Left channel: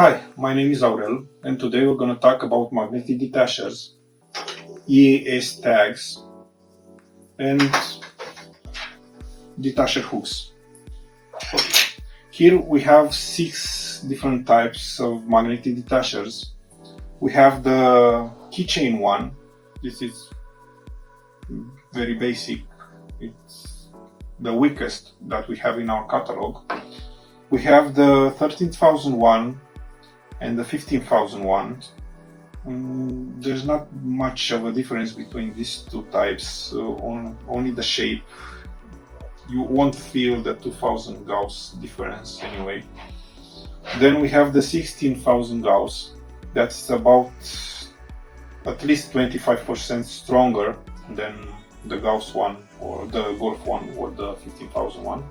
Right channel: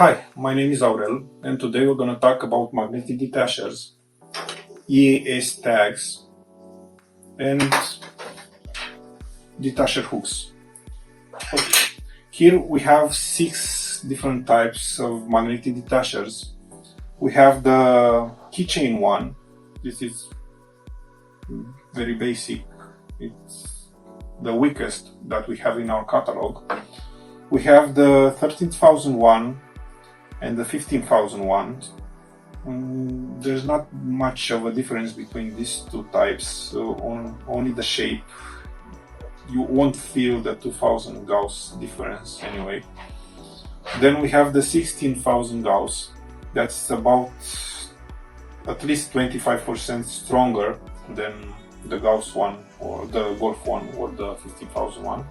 Hi, my name is Aurel, and today we're going to talk about Magnetic Detachers, EAS Tags, and Detacher hooks. Okay. Here we have 6 different types of Magnetic Detachers. We have the keychain one. This is very basic. It's the weakest that we have in our catalog. We have the 13,001 and the 15,001. There's not much of a difference between these two types, only the shape. You won't feel the 2000 Gauss difference anyway. Then we have the 16,000 Gauss. That's about at least 25% stronger than the Gauss one or the Golf one or the 15,001.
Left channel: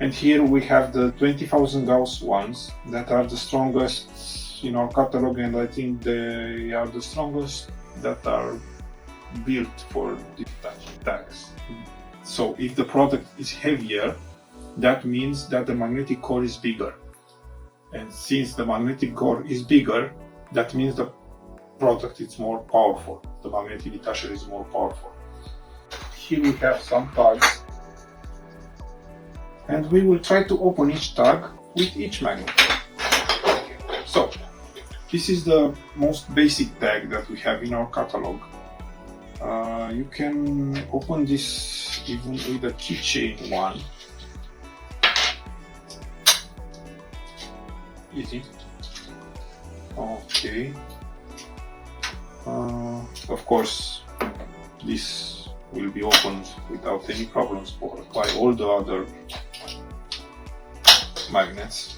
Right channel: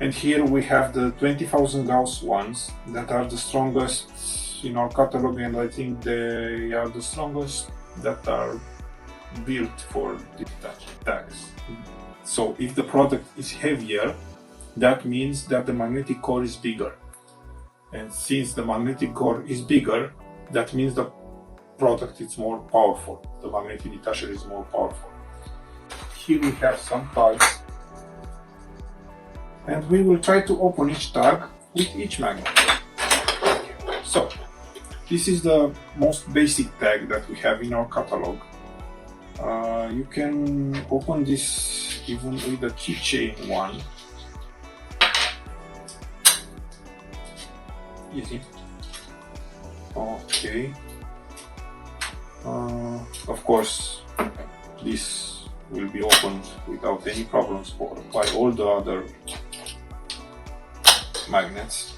And here we have the 20,000 Gauss ones that are the strongest in our catalog, and I think they are the strongest that are built for detaching tags. So if the product is heavier, that means that the magnetic core is bigger. And since the magnetic core is bigger, that means the product is more powerful. The magnetic detacher is more powerful. Here we have some tags, and we will try to open each tag with each magnet. So, this is the most basic tag that we have in our catalog. You can open this even with the keychain one. Easy. Okay. Of course, this will be opened without any problems by all the other magnets.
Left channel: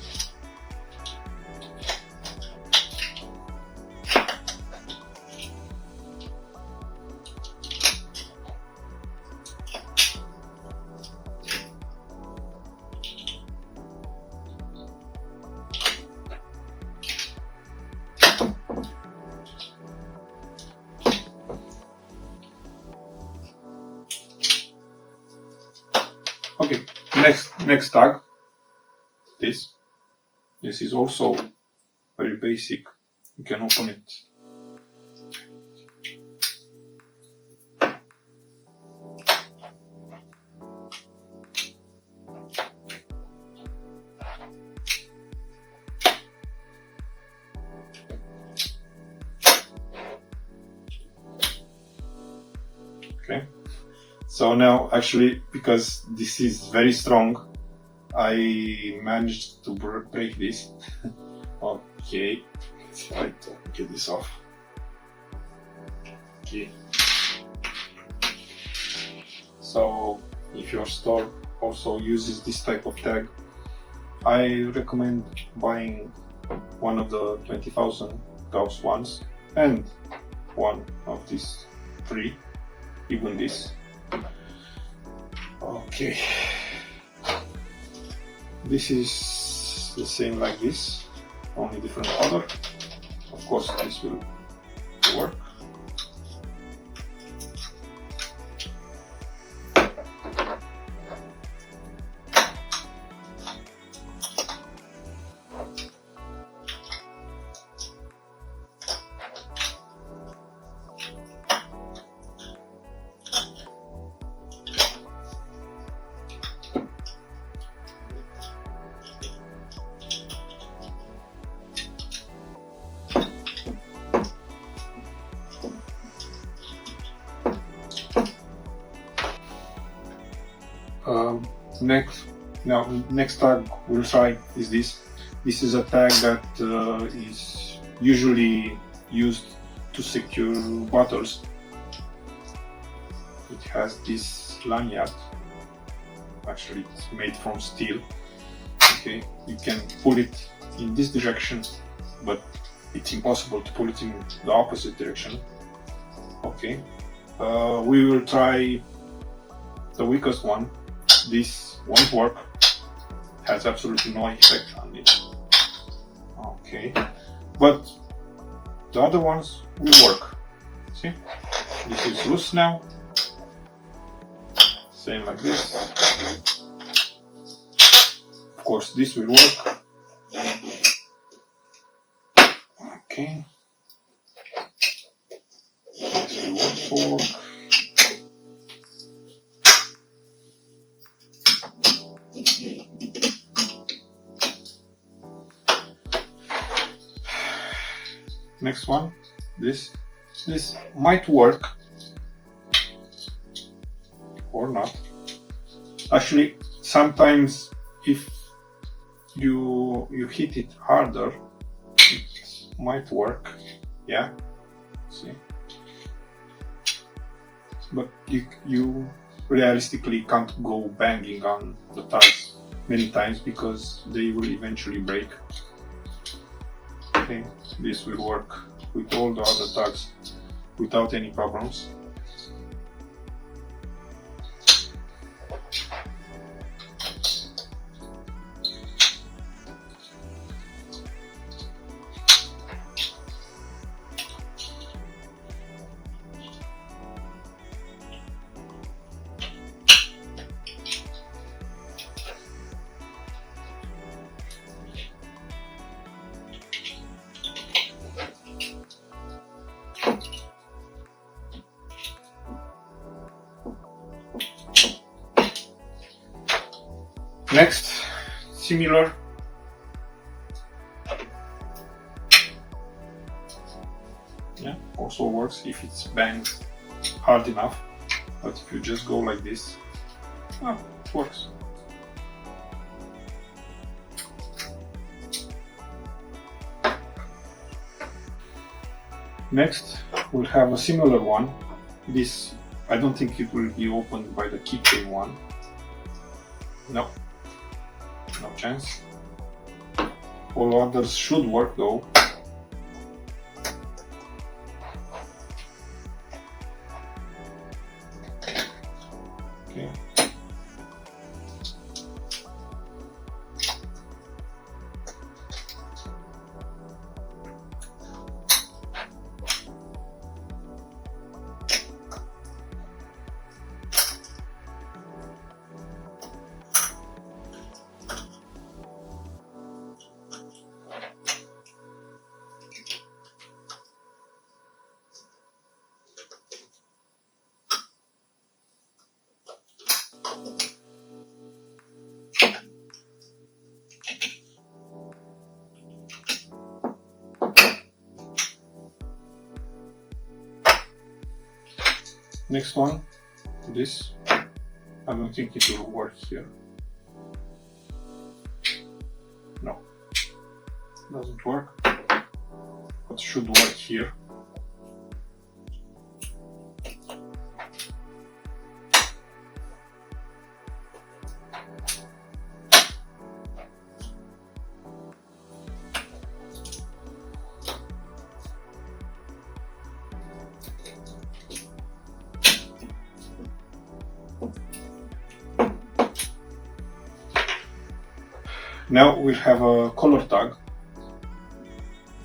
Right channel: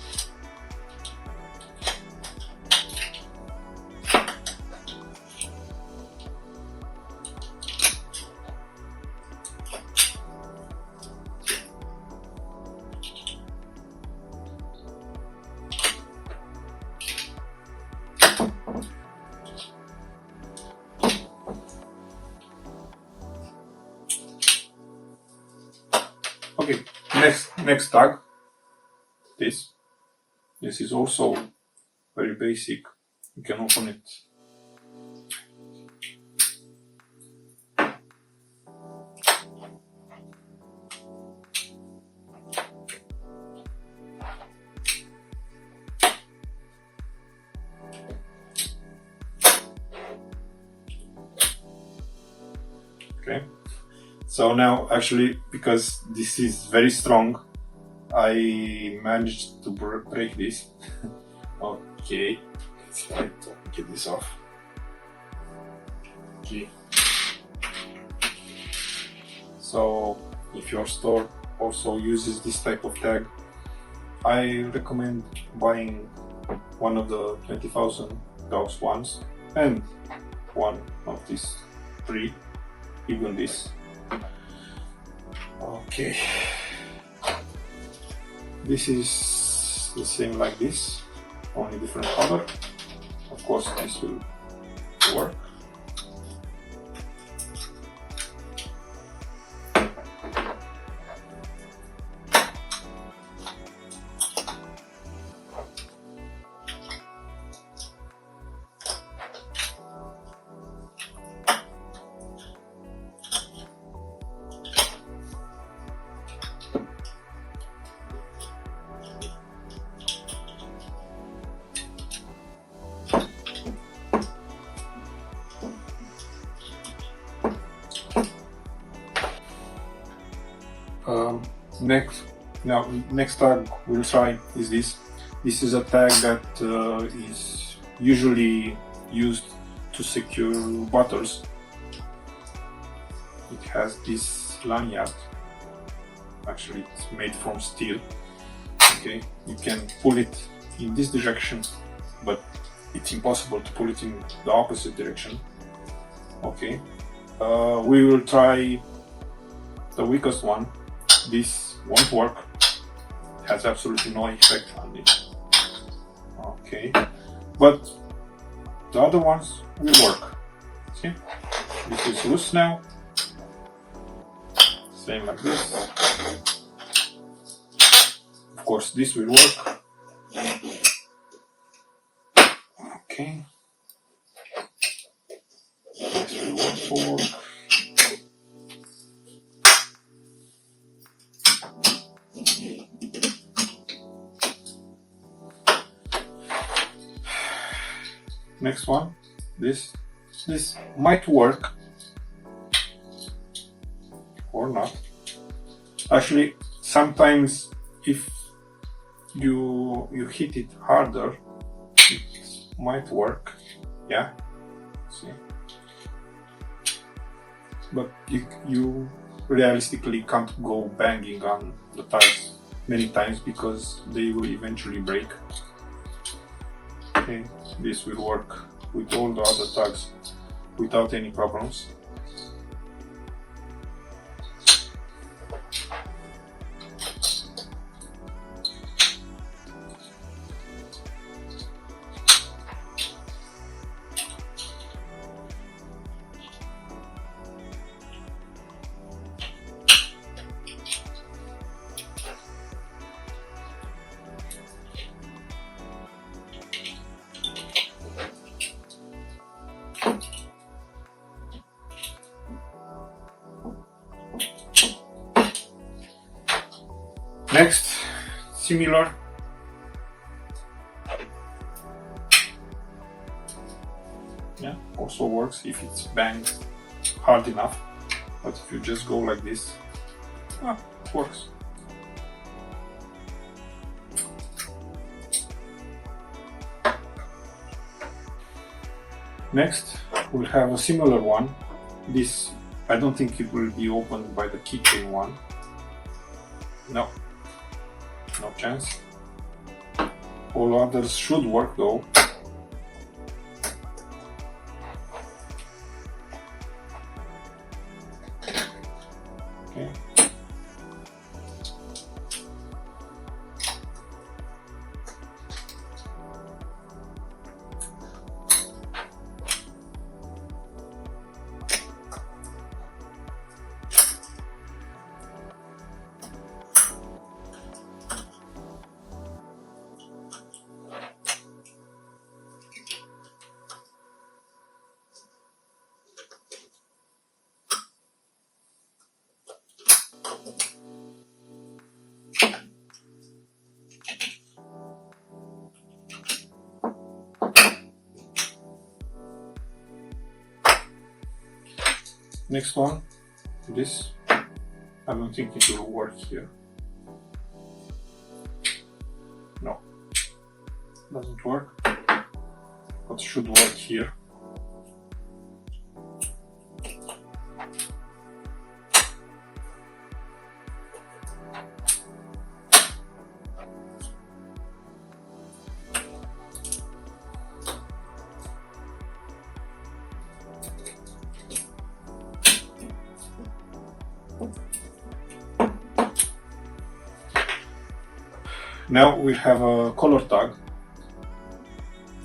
Okay, next tag. This is also very basic. You can open it. Okay. So now, actually, because this is very strong, I managed to break this. Okay, let's try to get this off. Okay. So, if your store also uses this type of tag, I recommend buying one of the 20,000 Gauss ones and one of these 3, even this. Okay. This is the same like this, only different color. Of course, this will work. Next tag we'll try is this. This is a tag that is usually used to secure bottles. It has this lanyard. Actually, it's made from steel. Okay, you can pull it in this direction, but it's impossible to pull it in the opposite direction. Okay, we will try the weakest one. This won't work. Has absolutely no effect on it. Okay, but the other ones will work. See, this is loose now. Same like this. Of course, this will work. Okay. This will work forward. Next one, this might work or not. Actually, sometimes if you hit it harder, it might work. Yeah, see, but you realistically can't go banging on the tags many times because they will eventually break. Okay, this will work with all the other tags without any problems. Next, similar. Yeah, also works if it's banged hard enough. But if you just go like this, it works. Next, we'll have a similar one. This, I don't think it will be opened by the keychain one. No. No chance. All others should work though. Okay. Next one, this. I don't think it will work here. No, doesn't work. But should work here. Now we have a color tag.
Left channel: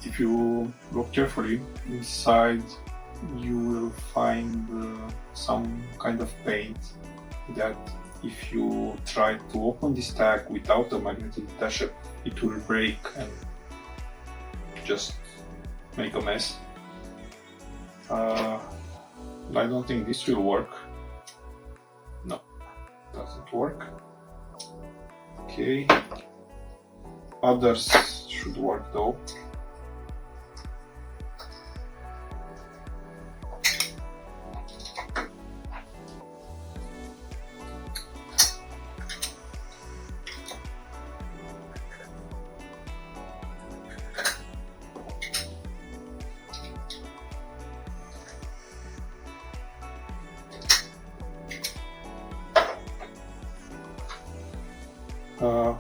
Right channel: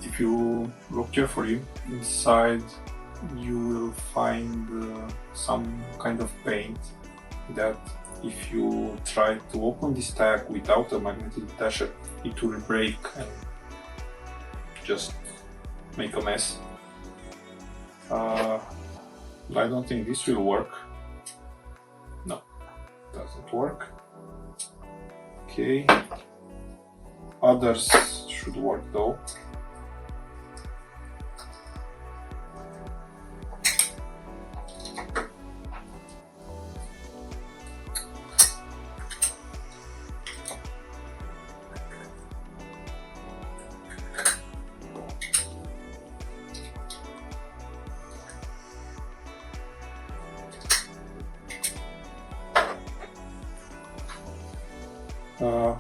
If you look carefully inside, you will find some kind of paint that if you try to open this tag without a magnetic detacher, it will break and just make a mess. I don't think this will work. No, doesn't work. Okay. Others should work though.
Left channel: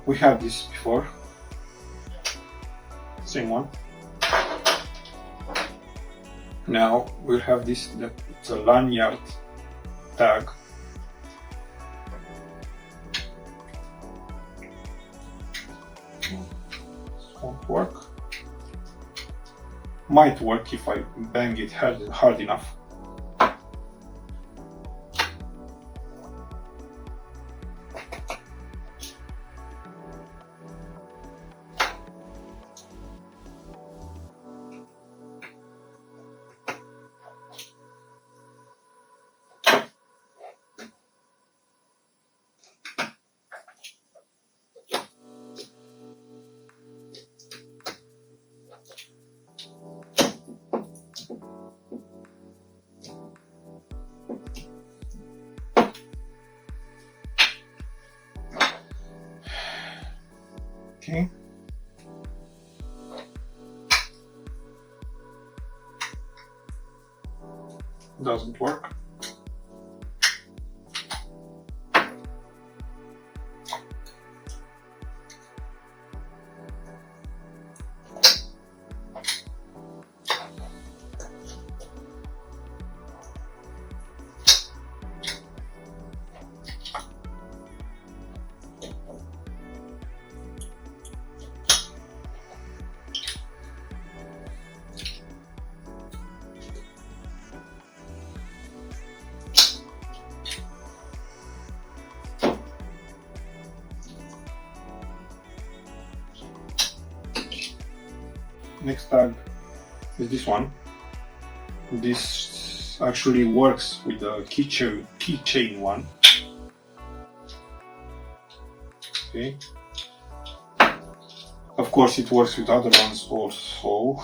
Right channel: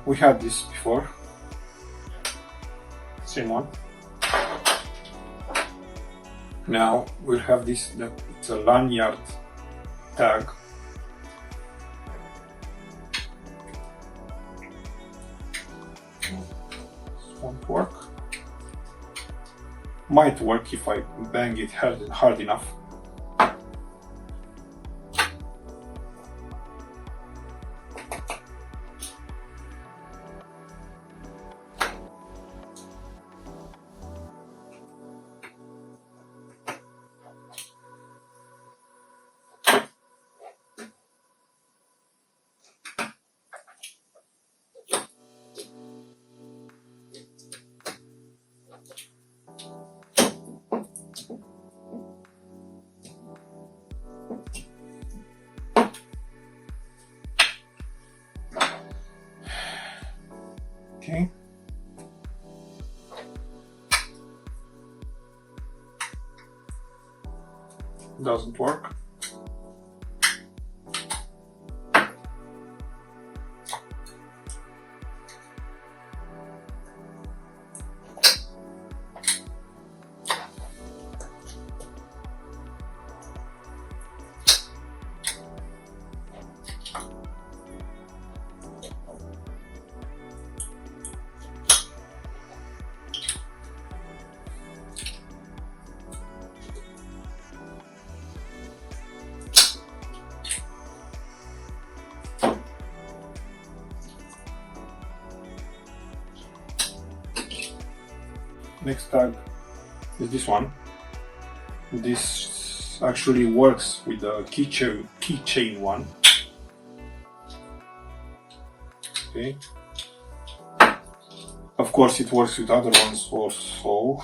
We had this before. Same one. Now we'll have this, it's a lanyard tag. This won't work. Might work if I bang it hard enough. Okay. Doesn't work. Next tag is this one. This actually works with the keychain one. Okay. Of course, it works with other ones also.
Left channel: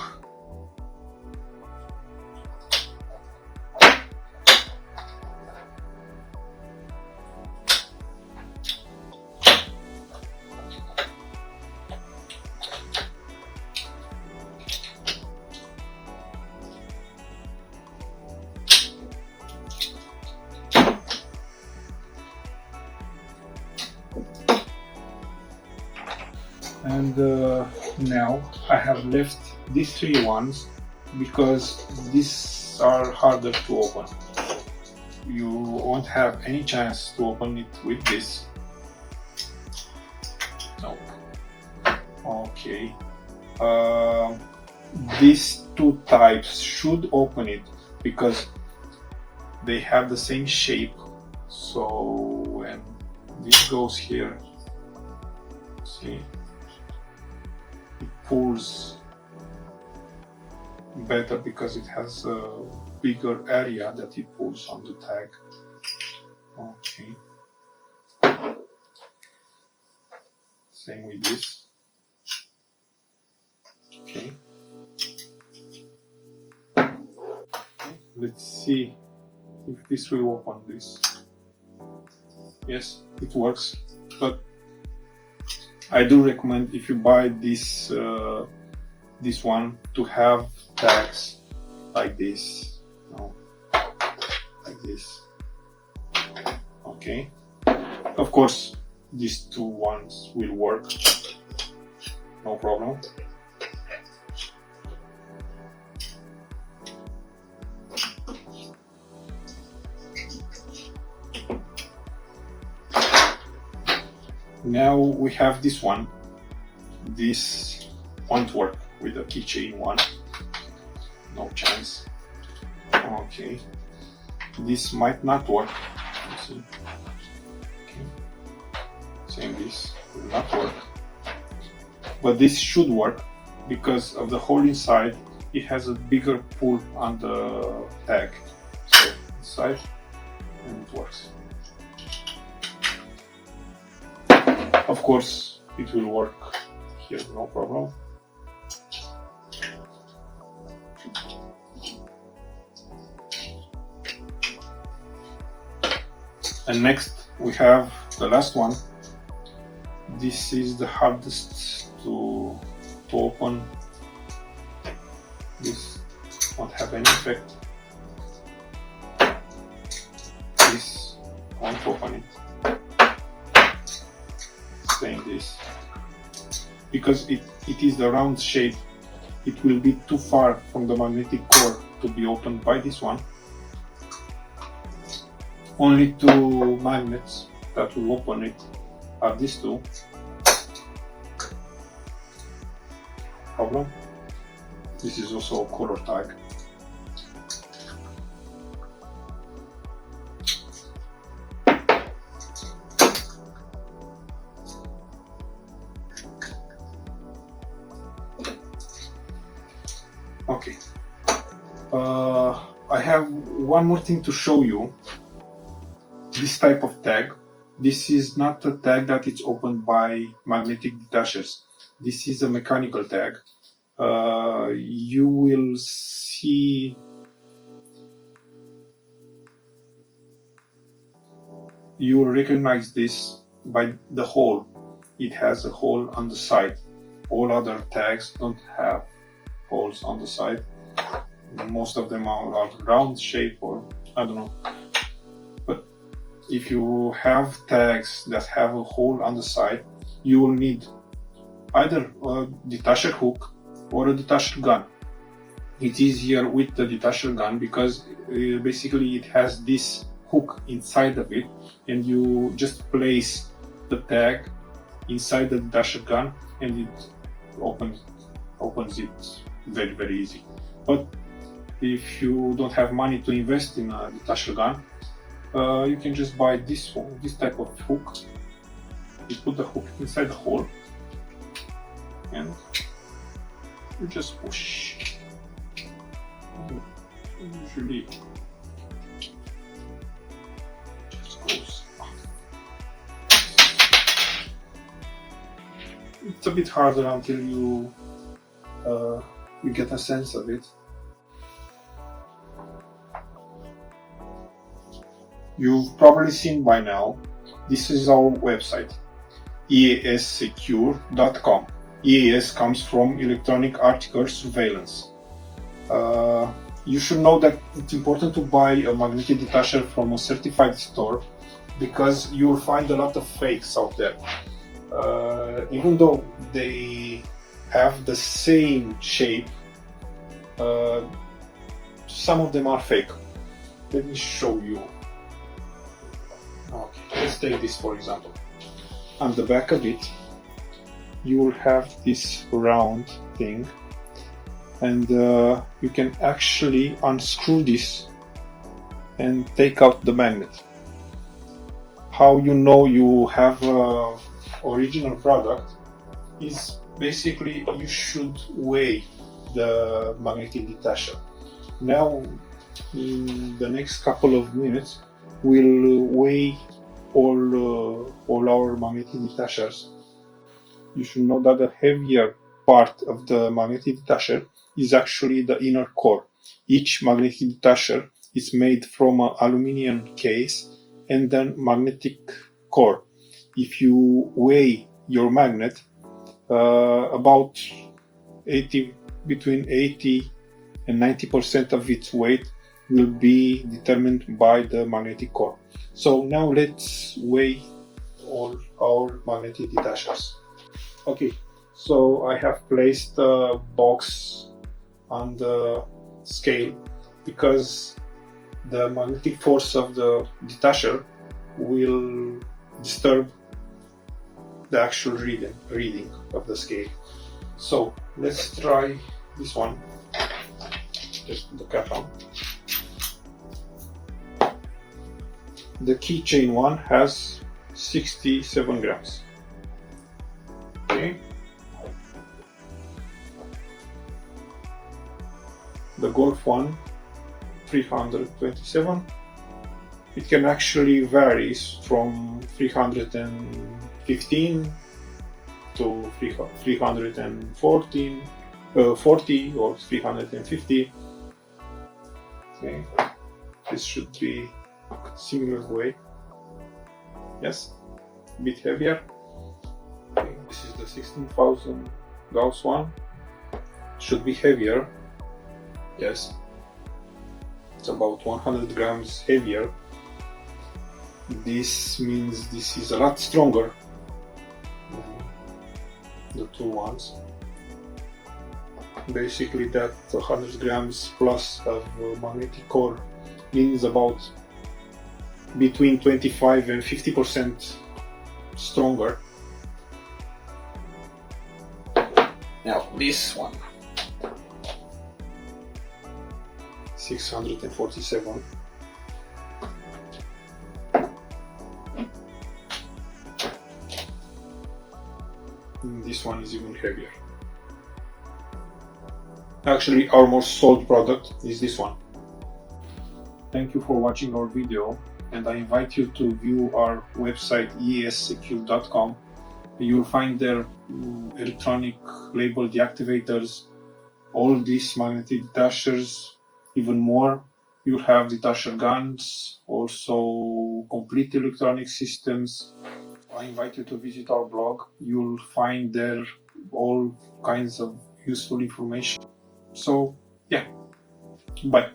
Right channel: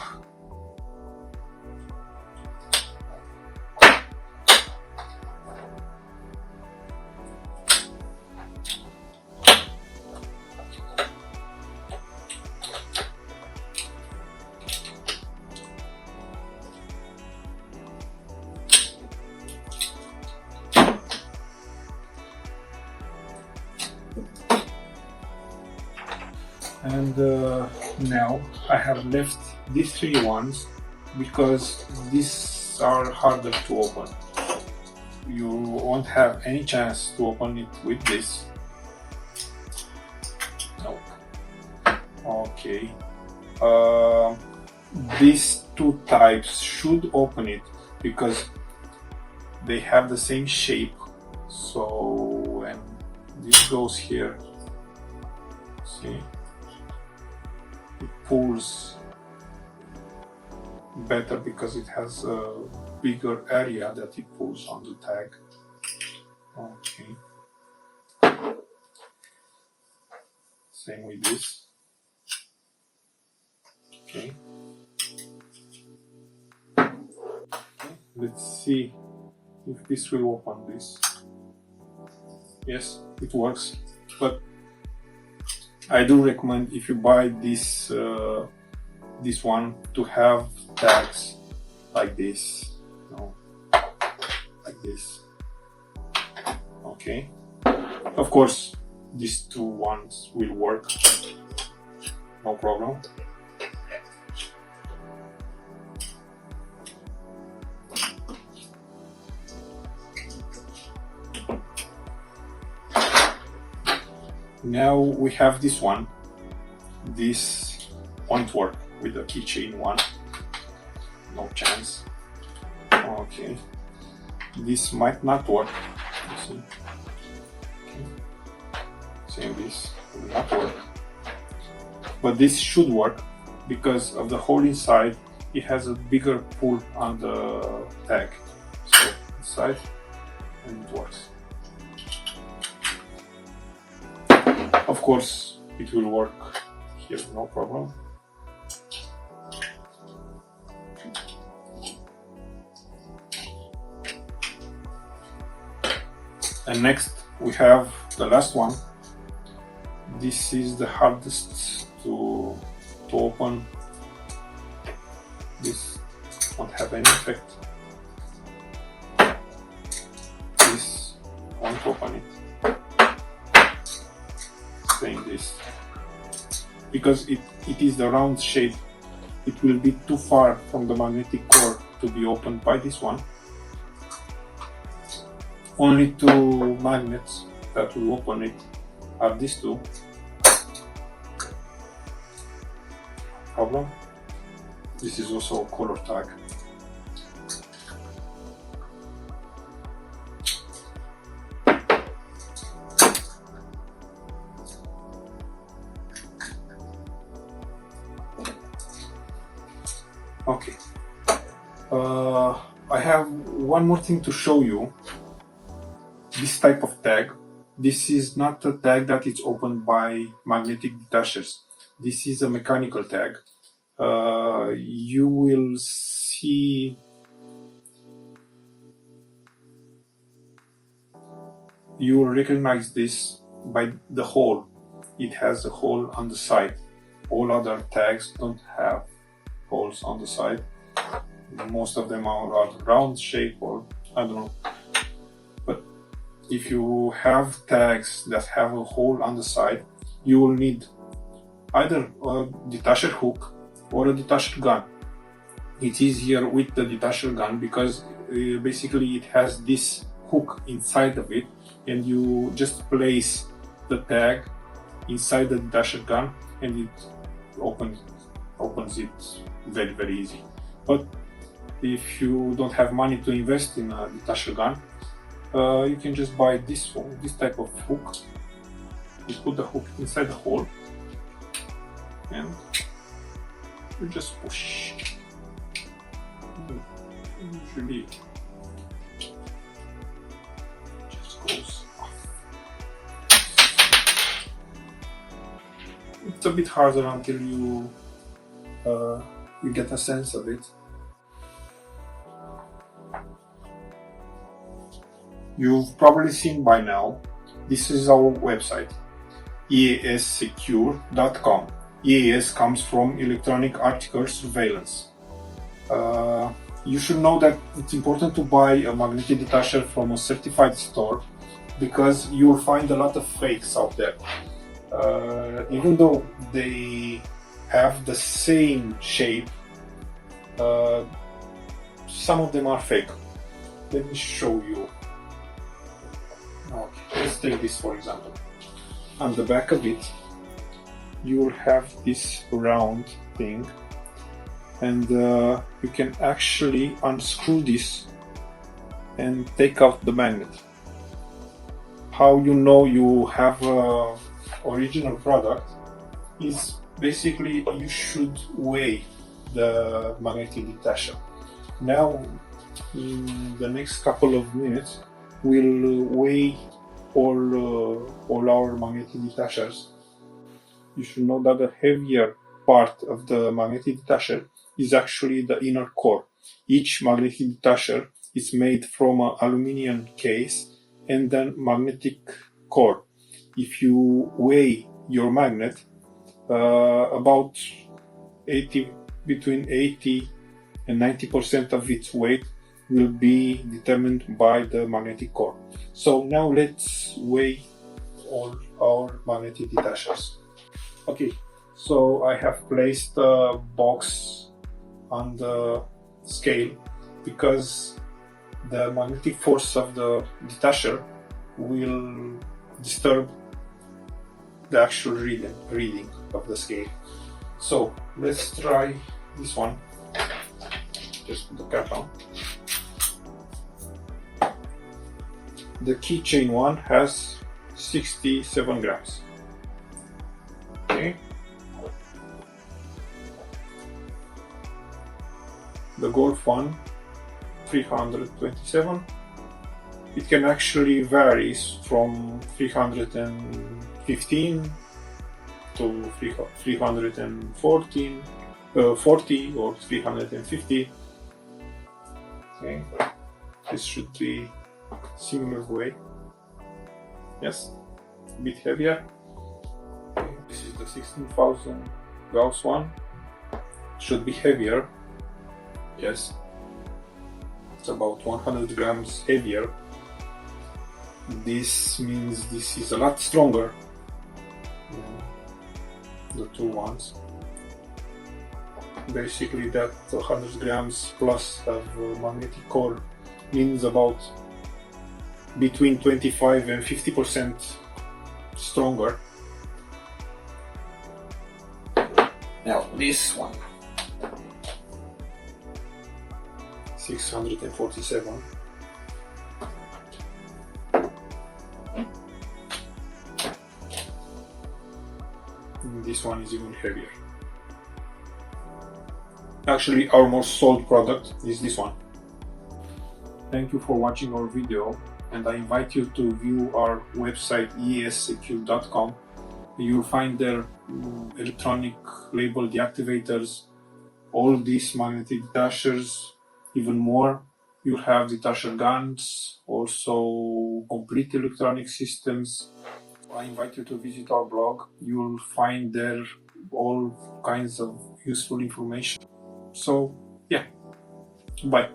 And now I have left these three ones because these are harder to open. You won't have any chance to open it with this. No. Okay. These two types should open it because they have the same shape. So when this goes here, see, it pulls better because it has a bigger area that it pulls on the tag. Okay. Same with this. Okay. Let's see if this will open this. Yes, it works, but I do recommend if you buy this this one to have tags like this, no, like this. Okay. Of course, these two ones will work, no problem. Now we have this one. This won't work with the keychain one. No chance. Okay. This might not work. Let's see. Okay. Same, this will not work. But this should work because of the hole inside. It has a bigger pull on the tag. So inside, and it works. Of course, it will work here, no problem. And next we have the last one. This is the hardest to open. This won't have any effect. This won't open it. Same this. Because it is the round shape, it will be too far from the magnetic core to be opened by this one. Only two magnets that will open it are these two. Problem. This is also a color tag. Okay. I have one more thing to show you. This type of tag. This is not a tag that is opened by Magnetic Detachers. This is a mechanical tag. You will see you will recognize this by the hole it has a hole on the side. All other tags don't have holes on the side. Most of them are round shape, or I don't know. But if you have tags that have a hole on the side, you will need either a detacher hook or a detacher gun. It's easier with the detacher gun because basically it has this hook inside of it, and you just place the tag inside the detacher gun and it opens it very easy. But if you don't have money to invest in a detacher gun, you can just buy this one, this type of hook. You put the hook inside the hole and you just push. Usually just goes off. It's a bit harder until you get a sense of it. You've probably seen by now, this is our website, eassecure.com. EAS comes from Electronic Article Surveillance. You should know that it's important to buy a magnetic detacher from a certified store because you will find a lot of fakes out there. Even though they have the same shape, some of them are fake. Let me show you. Okay, let's take this for example. On the back of it, you will have this round thing, and you can actually unscrew this and take out the magnet. How you know you have a original product is basically you should weigh the magnetic detacher. Now in the next couple of minutes we'll weigh all our magnetic detachers. You should know that the heavier part of the magnetic detacher is actually the inner core. Each magnetic detacher is made from an aluminum case and then magnetic core. If you weigh your magnet, about between 80 and 90% of its weight will be determined by the magnetic core. So now let's weigh all our magnetic detachers. Okay, so I have placed the box on the scale because the magnetic force of the detacher will disturb the actual reading of the scale. So let's try this one. Just put the cap on. The keychain one has 67 grams. Okay. The Golf one, 327. It can actually vary from 315 to 314, 40 or 350. Okay. This should be similar weight. Yes, a bit heavier. This is the 16,000 Gauss one. Should be heavier. Yes, it's about 100 grams heavier. This means this is a lot stronger than the two ones. Basically that 100 grams plus of magnetic core means about between 25 and 50% stronger. Now this one, 647. This one is even heavier. Actually, our most sold product is this one. Thank you for watching our video, and I invite you to view our website eassecure.com. You'll find there electronic label deactivators, all these magnetic detachers, even more. You'll have detacher guns, also complete electronic systems. I invite you to visit our blog. You'll find there all kinds of useful information. So, yeah, bye.